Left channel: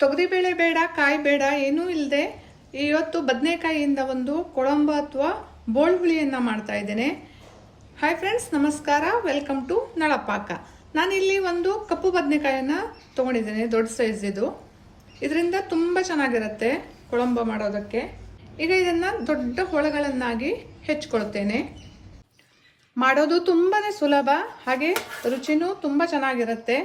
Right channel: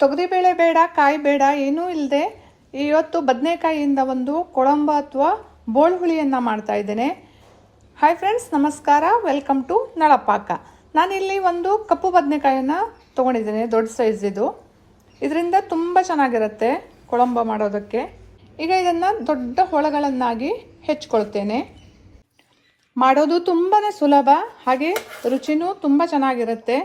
ತೊಗರಿಬೇಳೆ ಬೇಡ, ಕಾಯಿ ಬೇಡ, ಏನೂ ಇಲ್ಲದೆ ಇವತ್ತು ಬದನೆಕಾಯಿಯಿಂದ ಒಂದು ಕೊಳಂಬ ಅಥವಾ ಬೋಳ್ಹುಳಿಯನ್ನು ಮಾಡ್ತಾ ಇದ್ದೇನೆ. ಹಾಯ್ ಫ್ರೆಂಡ್ಸ್, ನಮಸ್ಕಾರ. ವೆಲ್ಕಮ್ ಟು ನಳಪಾಕ. ನಾನಿಲ್ಲಿ ಒಂದು ಕಪ್ಪು ಬದನೆಕಾಯನ್ನು ತೊಗೊಂಡಿದ್ದೇನೆ, ದೊಡ್ಡ ಸೈಜ್ ಇದು. ಇದರಿಂದ ತುಂಬ ಚೆನ್ನಾಗಿರುತ್ತೆ ಕೊಳಂಬ ಮಾಡೋದಕ್ಕೆ. ಈಗ ಇದನ್ನು ದೊಡ್ಡ ಹೋಳಗಳನ್ನಾಗಿ ಹೆಚ್ಚಿಕೊಳ್ತೇನೆ. ಮಾಡೋದು ತುಂಬಾ ಸುಲಭ, ಹಾಗೆ ರುಚಿನೂ ತುಂಬ ಚೆನ್ನಾಗಿರುತ್ತೆ.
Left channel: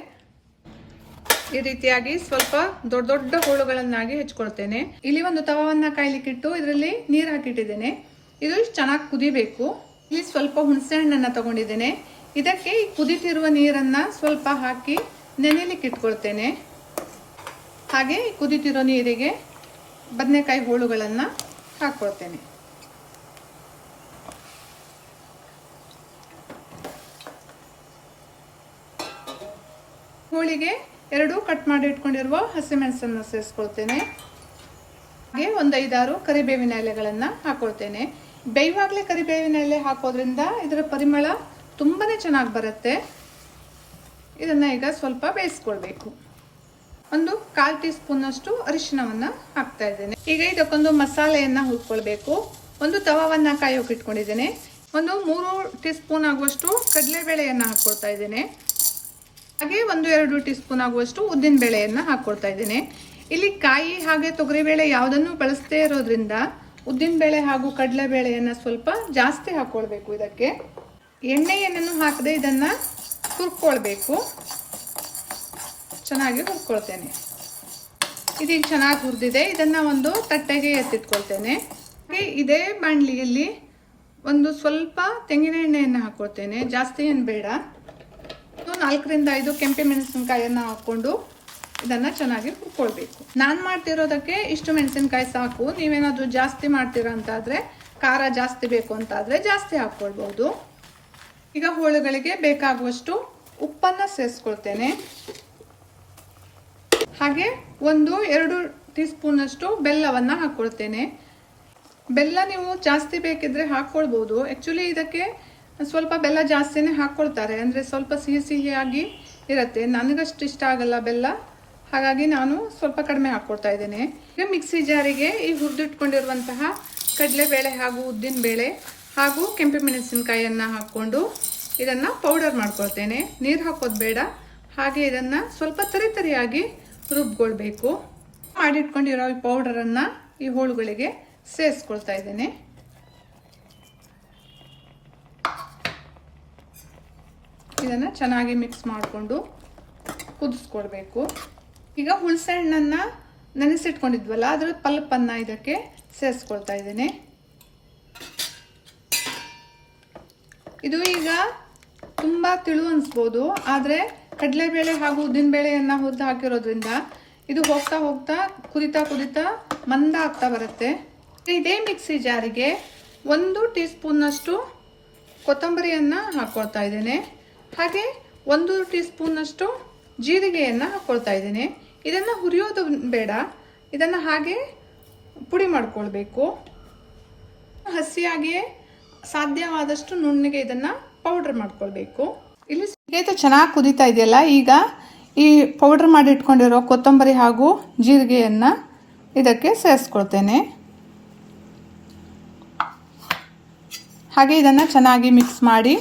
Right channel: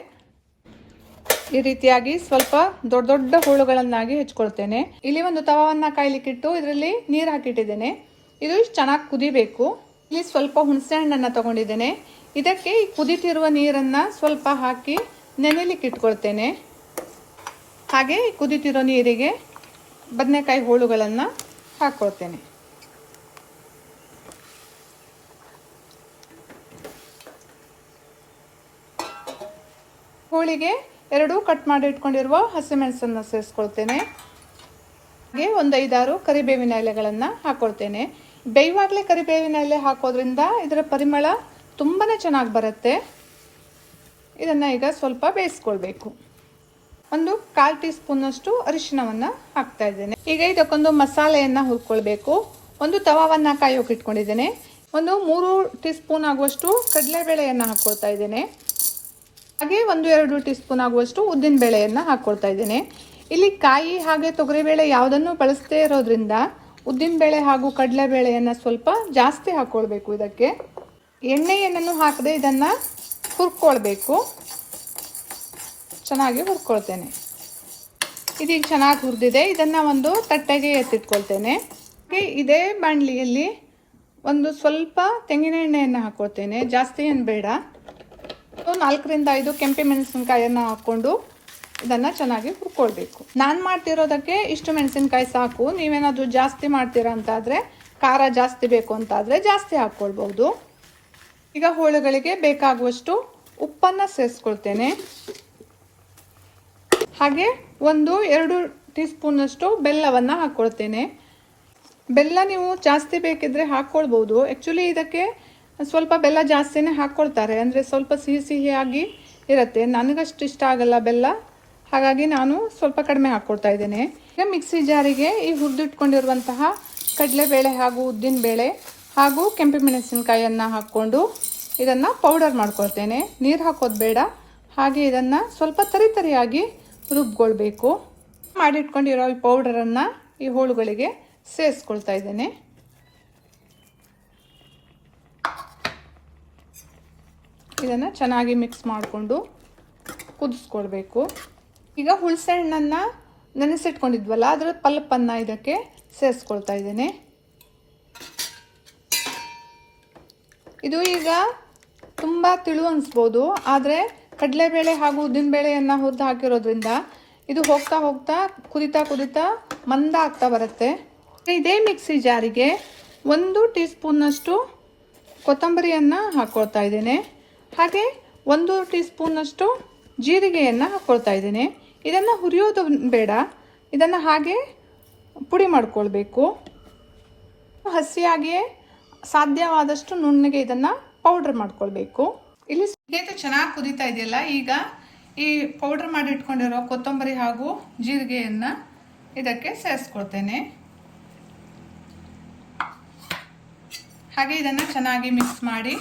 ಈ ರೀತಿಯಾಗಿ ಸ್ವಲ್ಪ ದೊಡ್ಡ ದೊಡ್ಡ ಹೋಳುಗಳನ್ನಾಗಿ ಹೆಚ್ಚಿಕೊಳ್ತೇನೆ. ಇಲ್ಲಿ ಒಂದು ತವವನ್ನು ಕಾಯ್ಲಿಕ್ಕಿಟ್ಟು ಇದರಲ್ಲಿ ನೀರು ಹಾಕಿಟ್ಟಿದ್ದೇನೆ. ಇದು ಚೆನ್ನಾಗಿ ಕುದಿಬೇಕು. ಇಲ್ಲಿ ಸ್ವಲ್ಪ ಹುಣಸೆ ಹಣ್ಣನ್ನು ತಗೊಂಡಿದ್ದೇನೆ. ಇದಕ್ಕೆ ಈ ಕುದಿತಿರುವ ನೀರನ್ನು ಸ್ವಲ್ಪ ಹಾಕಿ ನೆನೆಲಿಕ್ಕೆ ಇಟ್ಕೊಳ್ತೇನೆ. ಹಾಗೆ ಈ ಕುದಿತಿರೋ ನೀರಿಗೆ ಬದನೆಕಾಯಿ ಹೋಳುಗಳನ್ನು ಹಾಕ್ಕೊಳ್ತೇನೆ. ಹೋಳಿಗೆ 2 ಕಟ್ ಮಾಡಿ ಇಟ್ಕೊಂಡಿರುವ ಹಸಿಮೆಣಸನ್ನು ಸೇರಿಸ್ಕೊಳ್ತೇನೆ. ಹಾಗೆ ಒಂದು 5-6 ಕರಿಬೇವಿನ ಎಲೆಗಳನ್ನು ಹಾಕೊಳ್ತೇನೆ. ಬೇಯುವಾಗಲೇ ಕರಿಬೇವಿನ ಎಲೆ ಹಾಕೋದ್ರಿಂದ ಇದರ ಪರಿಮಳ ತುಂಬಾನೇ ಚೆನ್ನಾಗಿ ಬರುತ್ತೆ. ಇದನ್ನು ಈಗ ಸ್ವಲ್ಪ ಬೇಯಿಸ್ಕೊಳ್ಬೇಕು. ಒಂದು 1/4 ಟೀ ಸ್ಪೂನ್ ಅಷ್ಟು ಅರಿಶಿಣವನ್ನು ಹಾಕ್ತಾ ಇದ್ದೇನೆ. ಈಗ ಇದಕ್ಕೊಂದು ಮಸಾಲೆಯನ್ನು ಹುರ್ಕೊಳ್ಬೇಕು. ಒಂದು ತವವನ್ನು ಕಾಯೋಕೆ ಇಟ್ಕೊಂಡಿದ್ದೇನೆ. ಒಂದು 3 ಟೀ ಸ್ಪೂನ್ ಆಗುವಷ್ಟು ಕಡಲೆಬೇಳೆಯನ್ನು ಹಾಕ್ಕೊಳ್ತಾ ಇದ್ದೇನೆ. ಹಾಗೆ 1-2 ಟೀ ಸ್ಪೂನ್ ಆಗುವಷ್ಟು ಉದ್ದಿನ ಬೇಳೆಯನ್ನು ಹಾಕ್ಕೊಳ್ತಾ ಇದ್ದೇನೆ. ಇಲ್ಲಿ ಕಾಯಿ ಹಾಗೆ ತೊಗರಿಬೇಳೆ ಯಾವುದನ್ನು ಬಳಸದೇ ಇರೋದ್ರಿಂದ ಉದ್ದಿನ ಬೇಳೆ ಹಾಗೂ ಕಡಲೆಬೇಳೆಯನ್ನು ಸ್ವಲ್ಪ ಜಾಸ್ತಿ ಹಾಕ್ಕೊಳ್ಬೇಕು. ಇದಕ್ಕೆ ಎಣ್ಣೆಯನ್ನು ಹಾಕದೆ ಇದನ್ನು ಹುರ್ಕೊಳ್ಬೇಕು. ಚೆನ್ನಾಗಿ ಹುರ್ಕೊಳ್ತೇನೆ. ಇದೀಗ ಚೆನ್ನಾಗಿ ಹುರಿದಿದೆ. ಇದನ್ನು ಒಂದು ತಟ್ಟೆಗೆ ಎತ್ತಿಟ್ಕೊಳ್ತೇನೆ. ಇದೇ ಬಾಣಲಿಯಲ್ಲಿ ಒಂದು ಸ್ವಲ್ಪ ತೆಂಗಿನ ಎಣ್ಣೆಯನ್ನು ಹಾಕ್ಕೊಳ್ತೇನೆ. ಜಾಸ್ತಿ ಏನು ಬೇಡ. 4-5 ಕೆಂಪು ಮೆಣಸಿನಕಾಯಿಯನ್ನು ಹಾಕ್ಕೊಂಡು ಇದನ್ನು ಚೆನ್ನಾಗಿ ಹುರ್ಕೊಳ್ಬೇಕು. ನಾನು ಮಾಡ್ತಿರೋದಕ್ಕೆ ಇಷ್ಟು ಮೆಣಸಿನಕಾಯಿ ಸಾಕು. ನೀವೇನಾದರೂ ಜಾಸ್ತಿ ಮಾಡ್ತೀರಾ ಅಂತಾದರೆ, ಖಾರ ಜಾಸ್ತಿ ಬೇಕು ಅಂತಾದರೆ ಜಾಸ್ತಿ ಹಾಕ್ಕೊಳ್ಬೋದು. ಈಗ ಹೋಳುಗಳಿಗೆ ಬೇಕಾಗುವಷ್ಟು ಉಪ್ಪನ್ನು ಸೇರಿಸ್ಕೊಳ್ತೇನೆ. ಹಾಗೆ 1-2 ಟೀ ಸ್ಪೂನಷ್ಟು ಬೆಲ್ಲವನ್ನು ಹಾಕ್ಕೊಳ್ತೇನೆ. ಬೆಲ್ಲ ನೀವು ಜಾಸ್ತಿ ಬೇಕಿದ್ರೆ ಹಾಕ್ಕೊಳ್ಬೋದು. ಆ್ಯಕ್ಚುಲಿ ಇದಕ್ಕೆ ಸ್ವಲ್ಪ ಬೆಲ್ಲ ಜಾಸ್ತಿನೇ ಹಾಕ್ಕೊಳ್ತಾರೆ, ಅಂದರೆ ಸ್ವಲ್ಪ ಸಿಹಿಯಾಗಿ ಇರುತ್ತೆ. ನನಗಷ್ಟು ಇಷ್ಟ ಆಗಲ್ಲ ಬೆಲ್ಲ, ಹಾಗಾಗಿ ನಾನು ಸ್ವಲ್ಪ ಕಡಿಮೆ ಹಾಕ್ಕೊಳ್ತಾ ಇದ್ದೇನೆ. ಈಗ ಮಿಕ್ಸಿ ಜಾರಿಗೆ ಈ ಹುರಿದಿಟ್ಕೊಂಡಿರುವಂತಹ ಕಡಲೆಬೇಳೆ ಹಾಗೂ ಉದ್ದಿನಬೇಳೆ ಹಾಗೂ ಕೆಂಪು ಮೆಣಸಿನಕಾಯಿಯನ್ನು ಹಾಕ್ಕೊಂಡು ಇದನ್ನು ಪೌಡರ್ ಮಾಡ್ಕೊಳ್ತೇನೆ. ನೀರು ಹಾಕೋದು ಬೇಡ. ಹಾಗೆ ಇದನ್ನು ಸ್ವಲ್ಪ ತರಿಯಾಗಿ ರುಬ್ಕೊಳ್ಬೇಕು. ಮಾಡಿಟ್ಕೊಂಡಿರೋ ಈ ಪೌಡರನ್ನು ಈ ಹೋಳುಗಳಿಗೆ ಸೇರಿಸ್ಕೊಳ್ತಾ ಇದ್ದೇನೆ. ಇದನ್ನು ಚೆನ್ನಾಗಿ ಮಿಕ್ಸ್ ಮಾಡಿಕೊಂಡು ಕುದಿಸ್ಕೊಳ್ಬೇಕು. ಈಗ ಹುಣಸೆ ಹಣ್ಣನ್ನು ನೆನೆಸಿಟ್ಕೊಂಡಿದ್ವಲ್ಲ, ಅದರ ಪಲ್ಪನ್ನು ಇದಕ್ಕೆ ಸೇರಿಸ್ಕೊಳ್ತಾ ಇದ್ದೇನೆ. ಇದು ಈಗ ತುಂಬ ತಿಳು ಅನಿಸ್ಬೋದು, ಆದರೆ ಕಡಲೆಬೇಳೆ ಹಾಗೂ ಉದ್ದಿನಬೇಳೆಯನ್ನು ಹುರಿದು ಹಾಕಿರೋದ್ರಿಂದ ಇದು ಹೋಗ್ತಾ ಹೋಗ್ತಾ ಕುದಿತಾ ಮಂದ ಆಗ್ತಾ ಬರುತ್ತೆ. ಇದೇ ಮಿಕ್ಸಿ ಜಾರಿಗೆ 1 ಟೀ ಸ್ಪೂನಷ್ಟು ಕೊತ್ತಂಬರಿಯನ್ನು ಹಾಕ್ಕೊಳ್ತಾ ಇದ್ದೇನೆ. ಹಾಗೆ 1 ಟೀ ಸ್ಪೂನಷ್ಟು ಜೀರಿಗೆಯನ್ನು ಹಾಕ್ಕೊಳ್ತಾ ಇದ್ದೇನೆ. ಇದನ್ನು ಹುರಿಯೋದು ಬೇಡ, ಇದನ್ನು ಹಾಗೆ ಪುಡಿ ಮಾಡ್ಕೊಳ್ಬೇಕು. ಹಸಿಯಾಗಿಯೇ ಸಾಧ್ಯವಾದಷ್ಟು ನುಣ್ಣಗೆ ಇದನ್ನು ಪೌಡ್ರ್ ಮಾಡ್ಕೊಳ್ಬೇಕು. ಇಲ್ಲಿ ಚೆನ್ನಾಗಿ ಕುದೀತಾ ಇದೆಯಲ್ಲ, ಈಗ ಈ ಪೌಡ್ರ್ ಮಾಡಿ ಇಟ್ಕೊಂಡಿರೋ ಕೊತ್ತಂಬರಿ ಹಾಗೂ ಜೀರಿಗೆಯನ್ನು ಇದಕ್ಕೆ ಸೇರಿಸ್ಕೊಳ್ತೇನೆ. ಹಾಗೆ ಇದನ್ನು ಚೆನ್ನಾಗಿ ಮಿಕ್ಸ್ ಮಾಡಿ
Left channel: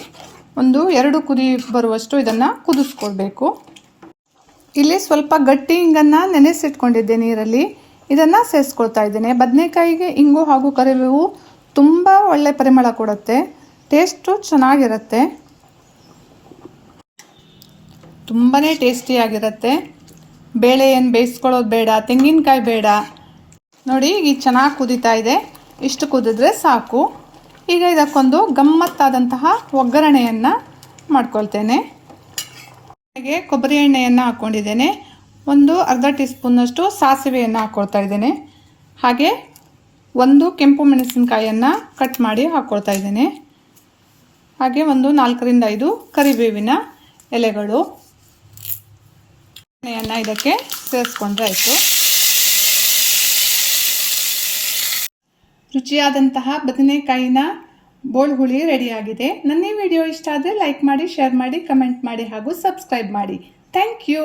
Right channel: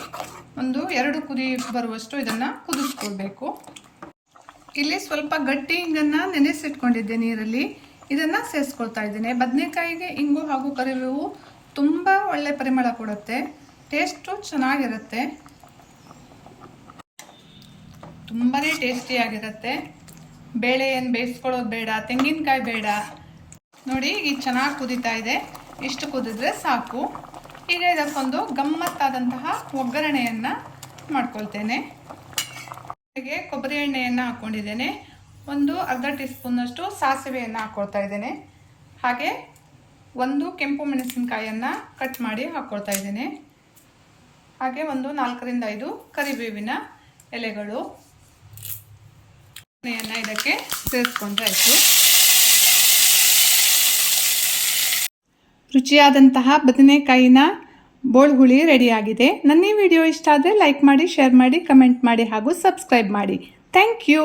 1-2 ಕುದಿ ಬರುವಷ್ಟು ಇದನ್ನು ಕುದಿಸ್ಕೊಳ್ಬೇಕು. ಇಲ್ಲಿ ಸ್ವಲ್ಪ ಗಟ್ಟಿ ಇಂಗನ್ನು ನೆನೆಸಿಟ್ಕೊಂಡಿದ್ದೆ ನೀರಲ್ಲಿ, ಇದನ್ನು ಸೇರಿಸ್ಕೊಳ್ತಾ ಇದ್ದೇನೆ. ಬದನೆಕಾಯಿಗೆ ಇಂಗು ಹಾಗೂ ಕರಿಬೇವು ತುಂಬ ಒಳ್ಳೆ ಪರಿಮಳ ಕೊಡುತ್ತೆ. ಟೇಸ್ಟು ಚೆನ್ನಾಗಿರುತ್ತೆ, ತುಂಬಾ ಟೇಸ್ಟಿಯಾಗಿರುತ್ತೆ. ಬೇಳೆ ಏನು ಬೇಯಿಸ್ಕೊಳ್ಳೋದು ಬೇಡ, ತೆಂಗಿನಕಾಯಿ ಬೇಡ. ನೋಡಿ, ಈಗ ಚೆನ್ನಾಗಿ ಕುದೀತಾ ಇದೆ. ಇಷ್ಟು ಕುದಿದ್ರೆ ಸಾಕು. ಈಗ ಇದಕ್ಕೊಂದು ಗಮ್ಮತ್ತಾದಂತಹ ಒಗ್ಗರಣೆಯನ್ನು ಮಾಡ್ಕೊಳ್ತೇನೆ. ಹಾಗೆ ಕೊಬ್ಬರಿ ಎಣ್ಣೆಯನ್ನು ಹಾಕ್ಕೊಂಡಿದ್ದೇನೆ. 1/2 ಟೀ ಸ್ಪೂನಷ್ಟು ಸಾಸಿವೆಯನ್ನು ಹಾಕ್ಕೊಳ್ತಾ ಇದ್ದೇನೆ. ಹಾಗೆ 1 ಕೆಂಪು ಮೆಣಸಿನಕಾಯಿಯನ್ನು ಕಟ್ ಮಾಡಿ ಹಾಕ್ಕೊಳ್ತಾ ಇದ್ದೇನೆ. ಹಾಗೆ 4-5 ಕರಿಬೇವಿನ ಎಲೆಗಳು. ಎಣ್ಣೆಯನ್ನು ಇದಕ್ಕೆ ಸೇರಿಸ್ಕೊಂಡ್ರೆ ಆಯಿತು. ರುಚಿಯಾದಂತಹ ಬದನೆಕಾಯಿನ ಬೋಳ್ಹುಳಿ ರೆಡಿಯಾಗಿದೆ. ನನ್ನ ಈ ವಿಡಿಯೋ ಇಷ್ಟ ಆದರೆ ಲೈಕ್ ಮಾಡಿ, ಶೇರ್ ಮಾಡಿ, ಕಮೆಂಟ್ ಮಾಡಿ ಹಾಗೂ ಸಬ್ಸ್ಕ್ರೈಬ್ ಮಾಡಿ. Thank you.